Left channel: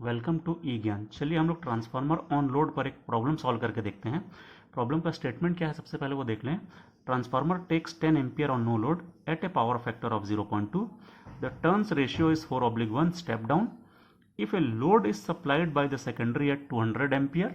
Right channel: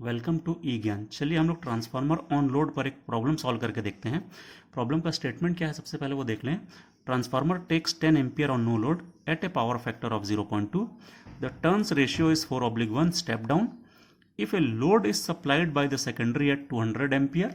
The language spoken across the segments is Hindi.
वेलकम टू ई ज्ञान। चलिए हम लोग ट्रांसफार्मर ऑन लोड पर एक प्रॉब्लम सॉल्व करके देखते हैं। प्रॉब्लम का स्टेटमेंट क्या है सबसे पहले वो देख लें। Transformer takes 10 ampere on no load at a power factor of 0.2. The turns ratio is 4/1 step down if a load is supplied by the secondary at 200 ampere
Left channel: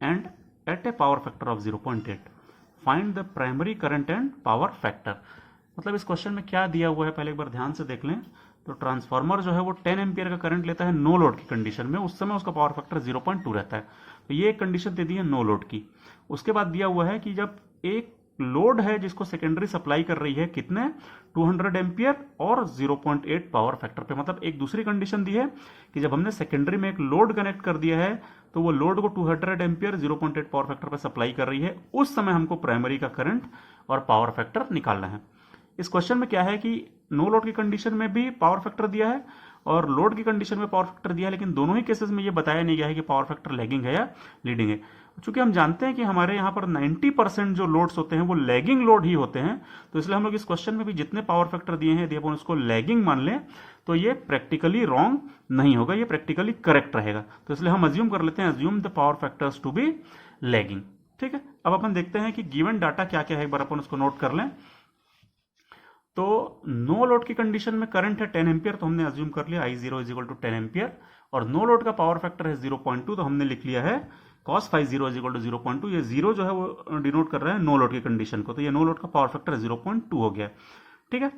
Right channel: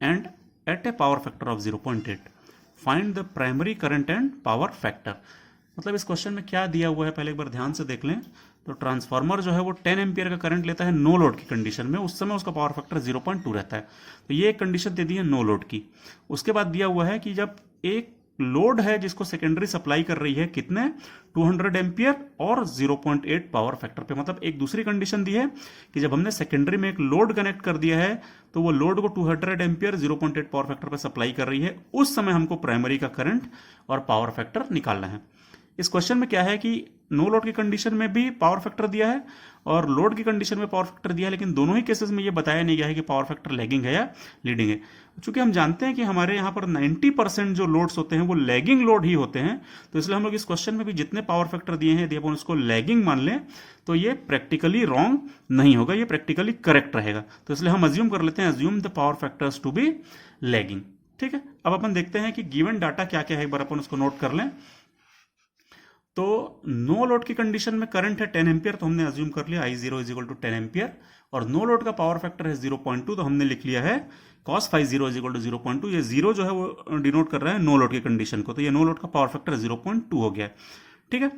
and at a power factor of 0.8. Find the primary current and power factor. मतलब इस क्वेश्चन में क्या दिया हुआ है पहले एक बार ध्यान से देख लें। तो ट्रांसफार्मर जो है वो 10 एम्पियर का करंट लेता है नो लोड की कंडीशन में, उस समय उसका पावर फैक्टर 0.2 रहता है। तो ये एक कंडीशन दे दी है नो लोड की। उसके बाद दिया हुआ है कि जब एक लोड है जिसको सेकेंडरी सप्लाई कर रही है कितने 200 एम्पियर और 0.8 पावर फैक्टर पे, मतलब एक दूसरी कंडीशन दी है कि जब हमने सेकेंडरी में एक लोड कनेक्ट कर दिया है तो वो लोड को 200 एम्पियर 0.8 पावर फैक्टर पे सप्लाई कर रही है, उस समय हमको प्राइमरी का करंट और पावर फैक्टर निकालना है। इस क्वेश्चन में क्या है कि नो लोड की कंडीशन में भी पावर फैक्टर दिया है और लोड की कंडीशन में पावर फैक्टर दिया है, लेकिन दोनों ही केसेस में ये बताया नहीं गया है कि पावर फैक्टर लैगिंग है या लीडिंग है। चूंकि हम जानते हैं कि हमारे यहाँ पर 90% जो लोड्स होते हैं वो लैगिंग लोड ही होते हैं, तो इसलिए हम लोग इस क्वेश्चन में भी जितने पावर फैक्टर दिए हैं यदि अपन उसको लैगिंग मान लें तो ये प्रैक्टिकली रॉन्ग नहीं होगा, ये प्रैक्टिकली करेक्ट रहेगा। तो इसलिए हम अज्यूम कर लेते हैं, assume the power factors to be lagging. ठीक है, अब अपन देखते हैं कि गिवन डाटा क्या क्या है, एक बार अपन उसको नोट कर लें। तो नो लोड की कंडीशन में करंट है 10 एम्पियर, तो हमने अज्यूम कर लिया I0 is equal to 10 ampere, और नो लोड का पावर फैक्टर है 0.2, तो हमने लिख लिया है cos phi 0 is equal to 0.2। ये 0 जो है वो डिनोट कर रहा है नो लोड की कंडीशन को, तो ये नो लोड का पावर फैक्टर 0.2 हो गया। ठीक है,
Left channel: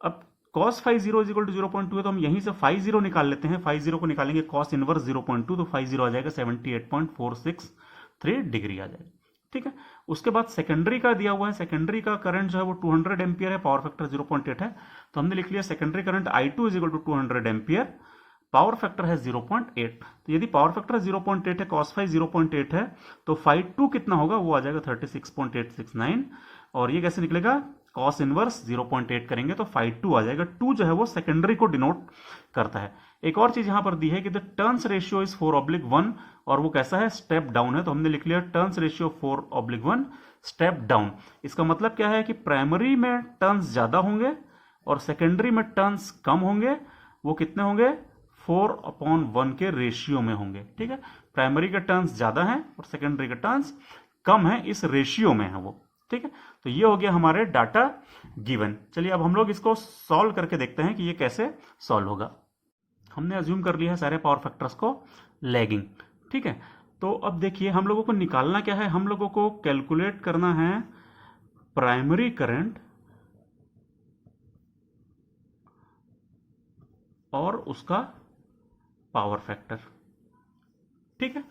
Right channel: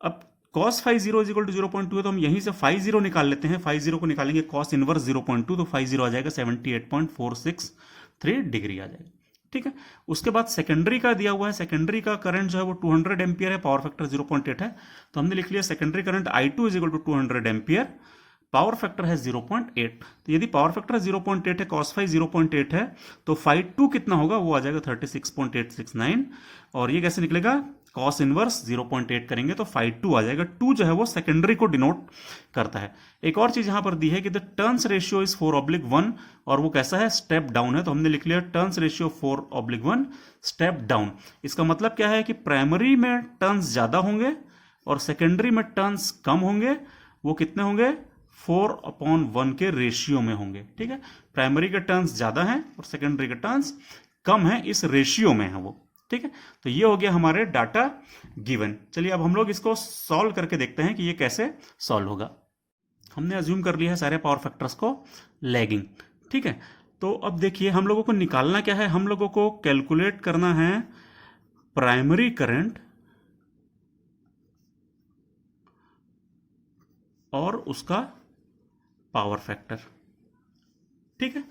अब cos phi 0 is equal to 0.2 है, तो हम यहीं से phi 0 निकाल लेते हैं। phi 0 को निकालेंगे cos इनवर्स 0.2, तो phi 0 आ जाएगा 78.463 डिग्री आ जाएगा। ठीक है, उसके बाद सेकेंडरी का दिया हुआ है, सेकेंडरी का करंट जो है वो 200 एम्पियर है, पावर फैक्टर 0.8 है, तो हमने लिख लिया secondary current I2 is equal to 200 ampere, power factor है 0.8। तो यदि पावर फैक्टर 0.8 है, cos phi 0.8 है, तो phi 2 कितना होगा, वो आ जाएगा 36.869, और ये कैसे निकलेगा, cos इनवर्स 0.8 करेंगे तो phi 2 आ जाएगा। 2 जो है वो सेकेंडरी को डिनोट करता है। एक और चीज यहां पर दी है कि द टर्न्स रेशियो इज 4/1, और वो कैसा है, स्टेप डाउन है, तो हमने लिख लिया टर्न्स रेशियो 4/1 स्टेप डाउन। इसका मतलब क्या है कि प्राइमरी में टर्न्स ज्यादा होंगे और सेकेंडरी में टर्न्स कम होंगे। वो कितने होंगे, 4/1 के रेशियो में होंगे। ठीक है, प्राइमरी के टर्न्स ज्यादा हैं और सेकेंडरी के टर्न्स कम है, इस रेशियो में है वो। ठीक है, तो ये हो गया हमारे डाटा गिवन। चलिए अब हम लोग इसको सॉल्व करके देखते हैं कि ये कैसे सॉल्व होगा। हमने अज्यूम कर लिया है सारे पावर फैक्टर्स को लैगिंग। ठीक है, तो अब देखिए हम लोगों को निकालना क्या है, हम लोगों को कैलकुलेट करना है प्राइमरी करंट और उसका पावर फैक्टर। ठीक है,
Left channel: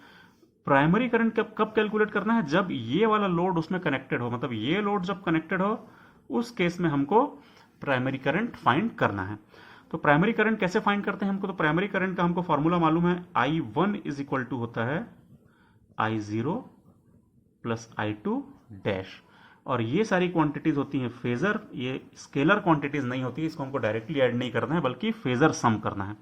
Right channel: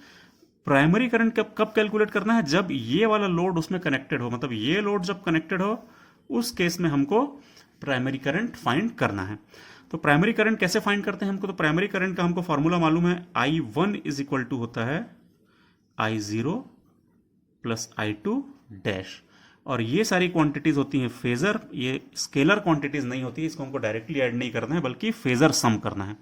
प्राइमरी करंट कब कब कैलकुलेट करना है, जब ये वाला लोड उसमें कनेक्टेड हो, मतलब ये लोड जब कनेक्टेड हो उस केस में हमको प्राइमरी करंट फाइंड करना है। तो प्राइमरी करंट कैसे फाइंड करते हैं हमको, तो प्राइमरी करंट का हमको फॉर्मूला मालूम है, I1 इज इक्वल टू होता है I0 प्लस I2 डैश, और ये सारी क्वांटिटीज होती हैं फेजर, ये स्केलर क्वांटिटीज नहीं होती, इसको हमको डायरेक्टली ऐड नहीं करना है बल्कि फेजर सम करना है।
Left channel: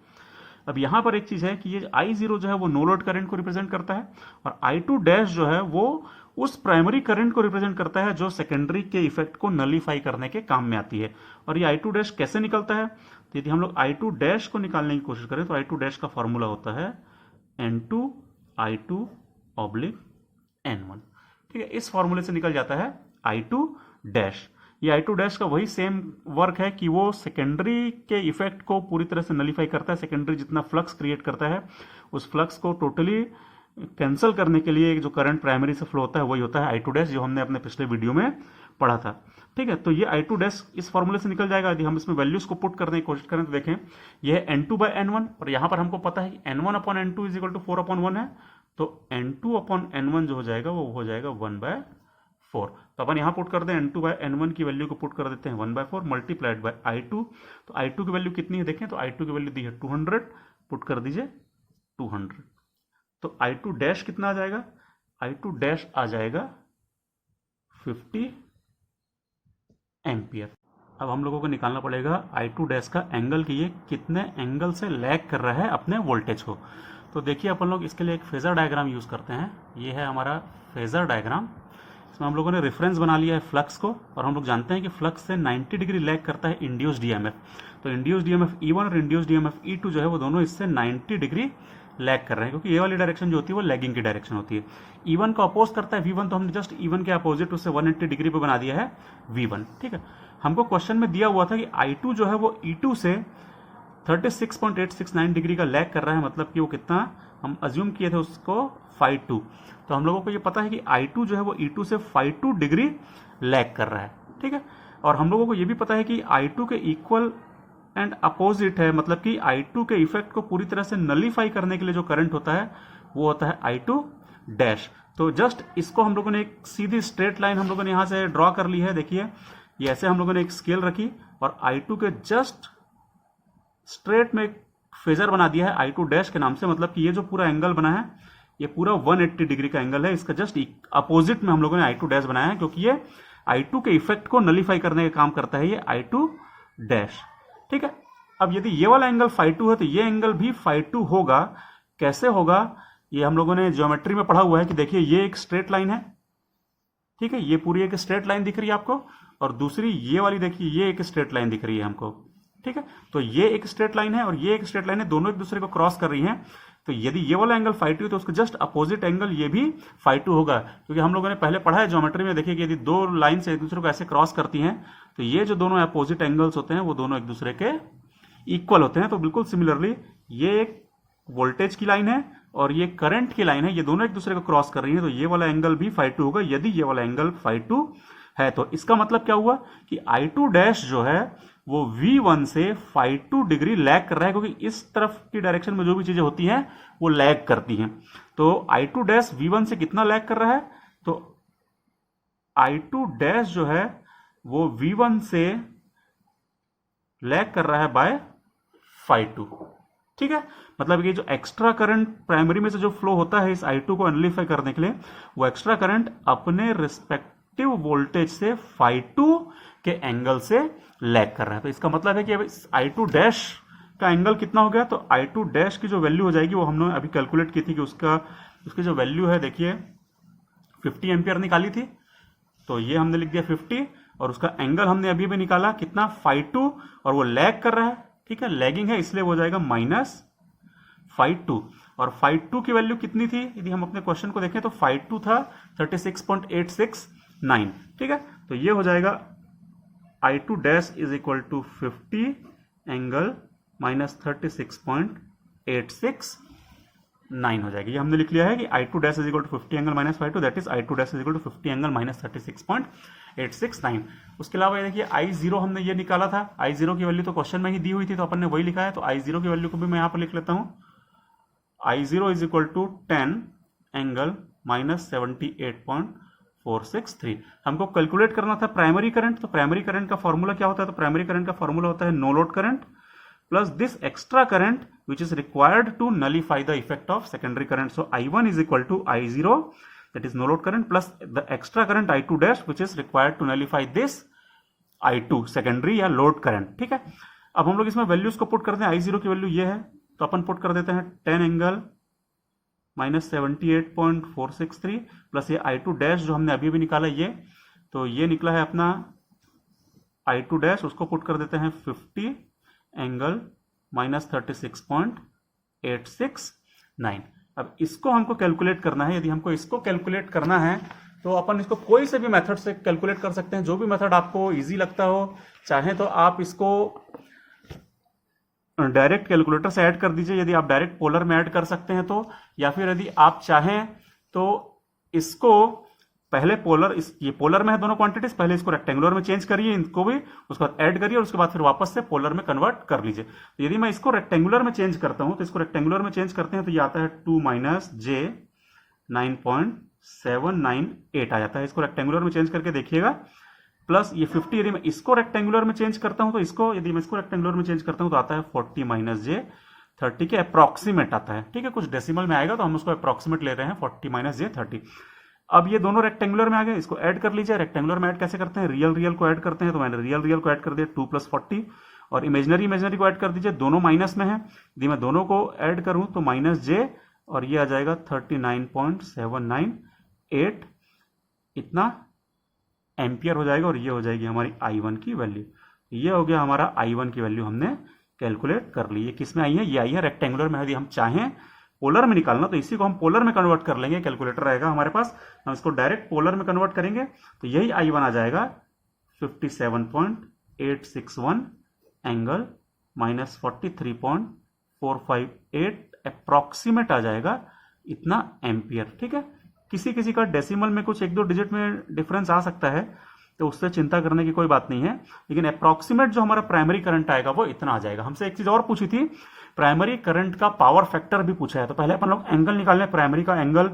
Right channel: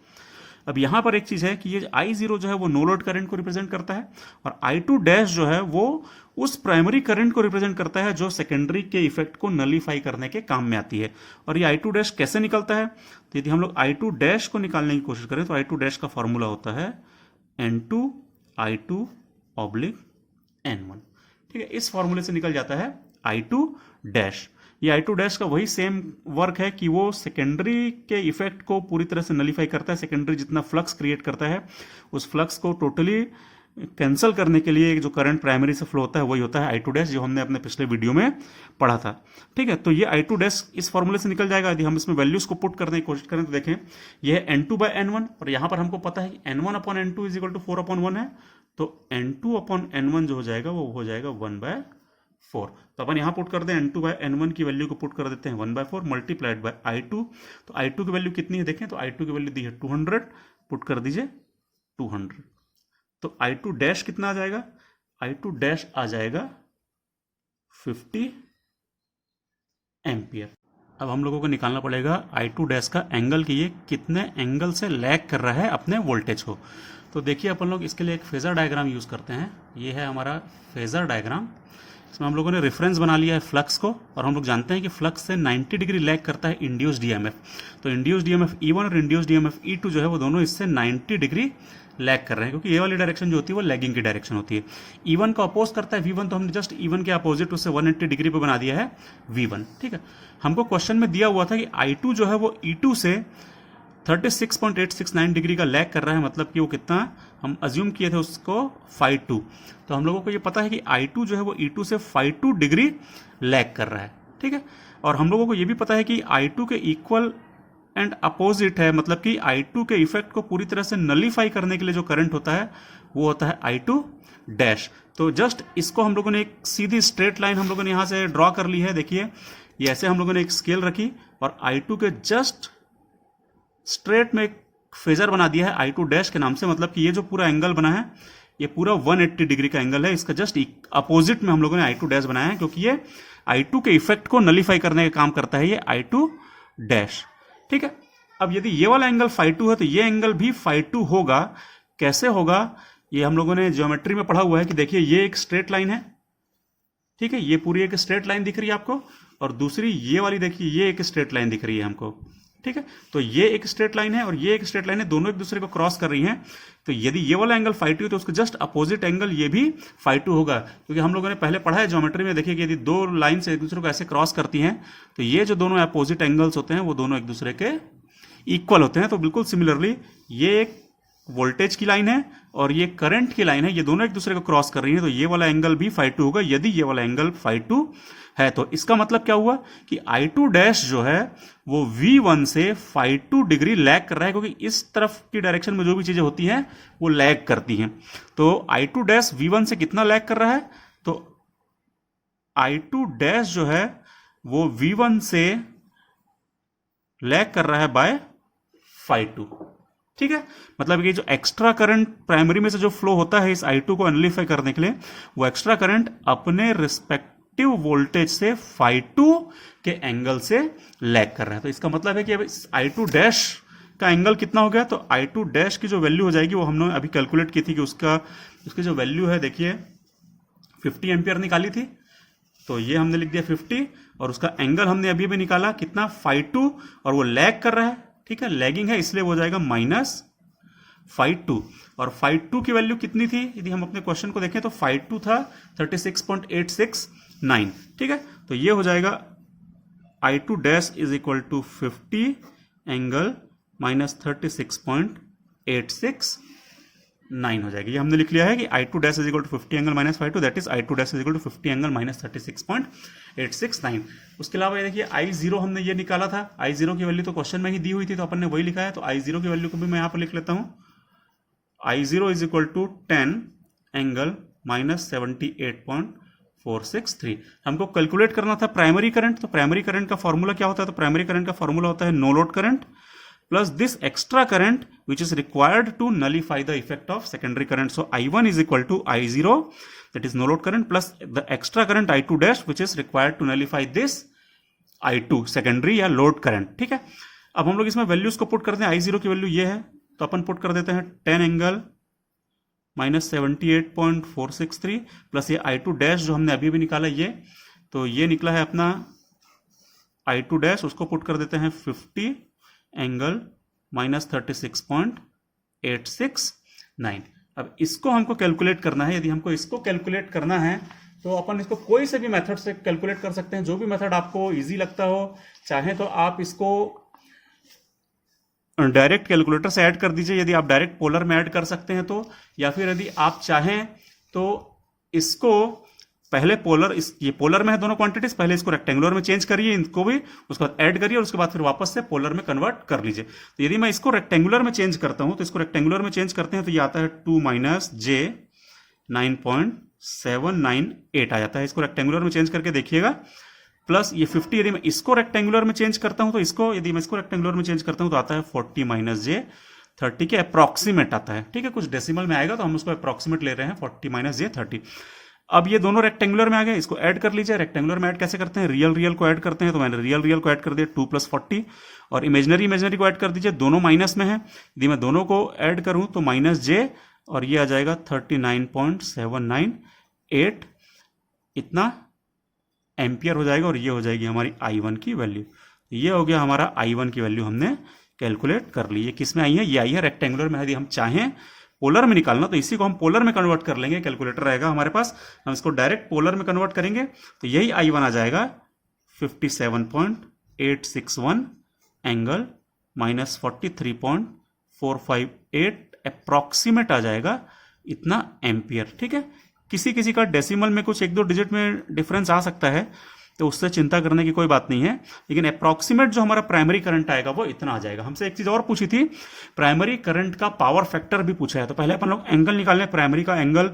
अब यहां पर एक चीज है कि ये I0 जो है वो नो लोड करंट को रिप्रेजेंट करता है, और I2 डैश जो है वो उस प्राइमरी करंट को रिप्रेजेंट करता है जो सेकेंडरी के इफेक्ट को नलीफाई करने के काम में आती है। और ये I2 डैश कैसे निकलता है, तो यदि हम लोग I2 डैश को निकालने की कोशिश करें तो I2 डैश का फॉर्मूला होता है N2 I2 ऑब्लिक N1। ठीक है, इस फॉर्मूले से निकल जाता है I2 डैश। ये I2 डैश का वही सेम वर्क है कि वो सेकेंडरी के इफेक्ट को पूरी तरह से नलीफाई करता है। सेकेंडरी जितना फ्लक्स क्रिएट करता है उस फ्लक्स को टोटली कैंसिल करने के लिए जो करंट प्राइमरी से फ्लो होता है वही होता है I2 डैश, जो हमने अपने पिछले वीडियो में पढ़ा था। ठीक है, तो ये I2 डैश इस फॉर्मूले से निकल जाएगा। यदि हम इसमें वैल्यूज को पुट करने की कोशिश करें तो देखें ये है N2/N1, और यहां पर हमको पता है कि N1/N2 इज इक्वल टू 4/1 है, तो N2/N1 जो हो जाएगा वो हो जाएगा 1/4। तो अपन यहां पुट कर दें N2/N1 की वैल्यू को पुट कर देते हैं 1/4 मल्टीप्लाइड बाय I2। तो I2 की वैल्यू कितनी है देखें, तो I2 की वैल्यू दी है 200, पुट कर दीजिए 200, तो I2 डैश कितना आ जाएगा, I2 डैश आ जाएगा 50 एम्पियर। अब हम लोगों को निकालना पड़ेगा I2 डैश का एंगल, कि ये कितने एंगल से लैग कर रहा है अपने वोल्टेज को। तो देखिए अपन लोग इसके लिए एक फेजर डायग्राम यूज करते हैं। ये है हमारा फेजर डायग्राम, इसमें हम लोगों ने रेफरेंस बना लिया है फ्लक्स को, और हम लोग जानते हैं कि फ्लक्स से 90 डिग्री लैग करता है इंड्यूस्ड ईएमएफ। तो इंड्यूस्ड ईएमएफ E1 और इंड्यूस्ड ईएमएफ E2 जो है वो दोनों इससे 90 डिग्री लैग कर रहे हैं, क्योंकि ये वाली डायरेक्शन जो होती है वो लैगिंग की डायरेक्शन होती है। E1 का अपोज करता है V1, तो हमने जस्ट E1 के अपोजिट उससे 180 डिग्री पे बना दिया है V1। ठीक है, हमको क्वेश्चन में दिया हुआ था कि I2 जो है वो E2 से 36.869 डिग्री का लैग कर रहा है, मतलब कि वो कितना हम अज्यूम किए थे उसको 5.2। तो हम लोगों को ये पता है कि I2 जो है वो E2 से 5.2 डिग्री लैग कर रहा है। ठीक है, और हम लोगों को ये भी पता है कि I2 के इक्वल एंड अपोजिट है, मतलब कि I2 के इफेक्ट को पूरी तरह से नलीफाई करने के लिए जो करंट होता है वो होता है I2 डैश। तो जस्ट इसको हम लोगों ने एक सीधी स्ट्रेट लाइन हम लोगों ने यहाँ से ड्रॉ कर ली है। देखिए ये ऐसे हम लोगों ने एक स्केल रखी और I2 के जस्ट स्ट्रेट में एक फेजर बना दिया है I2 डैश के नाम से, मतलब कि ये जो पूरा एंगल बना है ये पूरा 180 डिग्री का एंगल है, इसका जस्ट अपोजिट में हम लोगों ने I2 डैश बनाया है, क्योंकि ये I2 के इफेक्ट को नलीफाई करने का काम करता है ये I2 डैश। ठीक है, अब यदि ये वाला एंगल φ2 है तो ये एंगल भी φ2 होगा। कैसे होगा, ये हम लोगों ने ज्योमेट्री में पढ़ा हुआ है कि देखिए ये एक स्ट्रेट लाइन है। ठीक है, ये पूरी एक स्ट्रेट लाइन दिख रही है आपको, और दूसरी ये वाली देखिए ये एक स्ट्रेट लाइन दिख रही है हमको। ठीक है, तो ये एक स्ट्रेट लाइन है और ये एक स्ट्रेट लाइन है, दोनों एक दूसरे को क्रॉस कर रही हैं। तो यदि ये वाला एंगल φ2 है तो उसका जस्ट अपोजिट एंगल ये भी φ2 होगा, क्योंकि हम लोगों ने पहले पढ़ा है ज्योमेट्री में। देखिए कि यदि दो लाइन से एक दूसरे को ऐसे क्रॉस करती हैं तो ये जो दोनों अपोजिट एंगल्स होते हैं वो दोनों एक दूसरे के इक्वल होते हैं। तो बिल्कुल सिमिलरली ये एक वोल्टेज की लाइन है और ये करंट की लाइन है, ये दोनों एक दूसरे को क्रॉस कर रही है, तो ये वाला एंगल भी φ2 होगा यदि ये वाला एंगल φ2 है। तो इसका मतलब क्या हुआ कि I2 डैश जो है वो V1 से φ2 डिग्री लैग कर रहा है, क्योंकि इस तरफ की डायरेक्शन में जो भी चीजें होती हैं वो लैग करती हैं। तो I2 डैश V1 से कितना लैग कर रहा है, तो I2 डैश जो है वो V1 से लैग कर रहा है बाय φ2। ठीक है, मतलब ये जो एक्स्ट्रा करंट प्राइमरी में से जो फ्लो होता है इस I2 को एनालिफाई करने के लिए, वो एक्स्ट्रा करंट अपने रिस्पेक्टिव वोल्टेज से φ2 के एंगल से लैग कर रहा है। तो इसका मतलब है कि अब I2 डैश का एंगल कितना हो गया, तो I2 डैश की जो वैल्यू हो जाएगी वो हमने अभी कैलकुलेट की थी कि उसकी जो वैल्यू है देखिए 50 एम्पियर निकाली थी, तो ये हमने लिख दिया 50, और उसका एंगल हमने अभी भी निकाला कितना φ2, और वो लैग कर रहा है। ठीक है, लैगिंग है इसलिए वो जाएगा -φ2, और φ2 की वैल्यू कितनी थी यदि हम अपने क्वेश्चन को देखें तो φ2 था 36.869। ठीक है, तो ये हो जाएगा I2 dash is equal to 50 angle -36.869 हो जाएगी। ये हमने लिख लिया है कि I2 dash is equal to 50 angle -φ2, that is I2 dash is equal to 50 angle -36.869। उसके अलावा ये देखिए I0 हमने ये निकाला था, I0 की वैल्यू तो क्वेश्चन में ही दी हुई थी तो अपन ने वही लिखा है, तो I0 की वैल्यू को भी मैं यहाँ पर लिख लेता हूँ। I0 is equal to 10 angle -78.463। हमको कैलकुलेट करना था प्राइमरी करंट, तो प्राइमरी करंट का फॉर्मूला क्या होता है, तो प्राइमरी करंट का फॉर्मूला होता है no load current plus this extra current which is required to nullify the effect of secondary current. So I1 is equal to I0 that is no load current plus the extra current I2 dash which is required to nullify this I2 secondary या load current। ठीक है, अब हम लोग इसमें वैल्यूज को पुट करते हैं। I0 की वैल्यू ये है तो अपन पुट कर देते हैं 10 एंगल -78.463 प्लस ये I2 डैश जो हमने अभी भी निकाला ये, तो ये निकला है अपना I2 डैश, उसको पुट कर देते हैं 50 एंगल -36.869। अब इसको हमको कैलकुलेट करना है। यदि हमको इसको कैलकुलेट करना है तो अपन इसको कोई से भी मेथड से कैलकुलेट कर सकते हैं, जो भी मेथड आपको इजी लगता हो। चाहे तो आप इसको डायरेक्ट कैलकुलेटर से ऐड कर दीजिए, यदि आप डायरेक्ट पोलर में ऐड कर सकते हैं तो, या फिर यदि आप चाहें तो इसको पहले ये पोलर में है दोनों क्वांटिटीज, पहले इसको रेक्टेंगुलर में चेंज करिए, इनको भी उसके बाद ऐड करिए और उसके बाद फिर वापस से पोलर में कन्वर्ट कर लीजिए। तो यदि मैं इसको रेक्टेंगुलर में चेंज करता हूं तो इसको रेक्टेंगुलर में चेंज करते हैं तो ये आता है 2 - j 9.798 आ जाता है। इसको रेक्टेंगुलर में चेंज करके देखिएगा, प्लस ये 50 यदि मैं इसको रेक्टेंगुलर में चेंज करता हूं तो इसको यदि मैं इसको रेक्टेंगुलर में चेंज करता हूं तो आता है 40 - j 30 के अप्रॉक्सीमेट आता है। ठीक है, कुछ डेसिमल में आएगा तो हम उसको अप्रॉक्सीमेट ले रहे हैं 40 - j 30। अब ये दोनों रेक्टेंगुलर में आ गए, इसको ऐड कर लीजिए। रेक्टेंगुलर में ऐड कैसे करते हैं, रियल को ऐड करते हैं, तो मैंने रियल को ऐड कर दिया 2 + 40, और इमेजनरी को ऐड कर दीजिए, दोनों माइनस में है। यदि मैं दोनों को ऐड करूं तो -j और ये आ जाएगा 39.798 इतना एम्पियर हो जाएगा, और ये हो जाएगी हमारी I1 की वैल्यू। ये हो गया हमारा I1 की वैल्यू हमने कैलकुलेट कर ली। ये किस में आई है, ये आई है रेक्टेंगुलर में। यदि हम चाहें पोलर में निकालना, तो इसी को हम पोलर में कन्वर्ट कर लेंगे, कैलकुलेटर रहेगा हमारे पास, हम इसको डायरेक्ट पोलर में कन्वर्ट करेंगे तो यही I1 आ जाएगा 57.861 एंगल माइनस 43.458 अप्रॉक्सीमेट आ जाएगा इतना एम्पियर। ठीक है, किसी किसी का डेसिमल में कुछ 1-2 डिजिट में डिफरेंस आ सकता है, तो उससे चिंता करने की कोई बात नहीं है, लेकिन अप्रॉक्सीमेट जो हमारा प्राइमरी करंट आएगा वो इतना आ जाएगा। हमसे एक चीज़ और पूछी थी, प्राइमरी करंट का पावर फैक्टर भी पूछा है, तो पहले अपन लोग एंगल निकालें, प्राइमरी का एंगल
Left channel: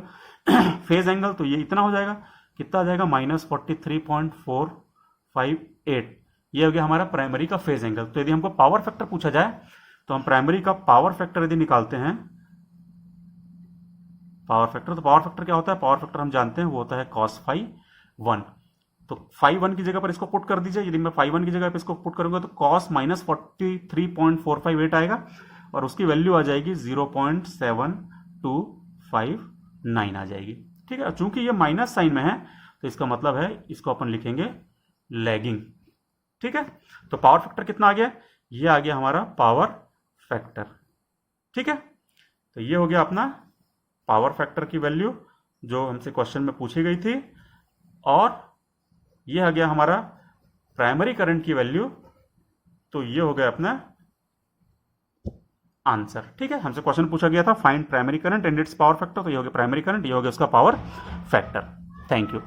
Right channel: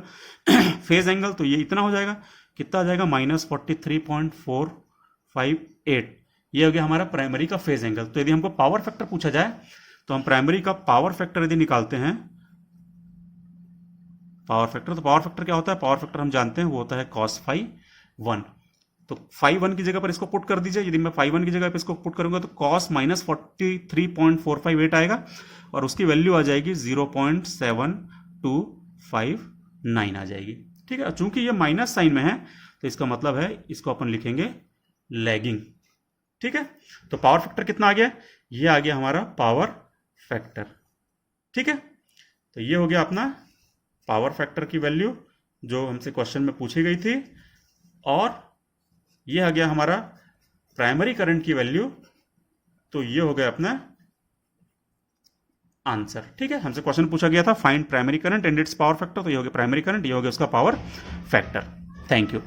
फेज एंगल, तो ये इतना हो जाएगा, कितना आ जाएगा -43.458, ये हो गया हमारा प्राइमरी का फेज एंगल। तो यदि हमको पावर फैक्टर पूछा जाए तो हम प्राइमरी का पावर फैक्टर यदि निकालते हैं, पावर फैक्टर, तो पावर फैक्टर क्या होता है, पावर फैक्टर हम जानते हैं वो होता है cos phi 1, तो phi 1 की जगह पर इसको पुट कर दीजिए, यदि मैं phi 1 की जगह पर इसको पुट करूंगा तो cos -43.458 आएगा और उसकी वैल्यू आ जाएगी 0.7259 आ जाएगी। ठीक है, चूंकि ये माइनस साइन में है तो इसका मतलब है इसको अपन लिखेंगे लैगिंग। ठीक है, तो पावर फैक्टर कितना आ गया, ये आ गया हमारा पावर फैक्टर। ठीक है, तो ये हो गया अपना पावर फैक्टर की वैल्यू जो हमसे क्वेश्चन में पूछी गई थी, और ये आ गया हमारा प्राइमरी करंट की वैल्यू, तो ये हो गया अपना आंसर। ठीक है, हमसे क्वेश्चन पूछा गया था find primary current and it's power factor, तो ये हो गया प्राइमरी करंट, ये हो गया उसका पावर फैक्टर। Thank you.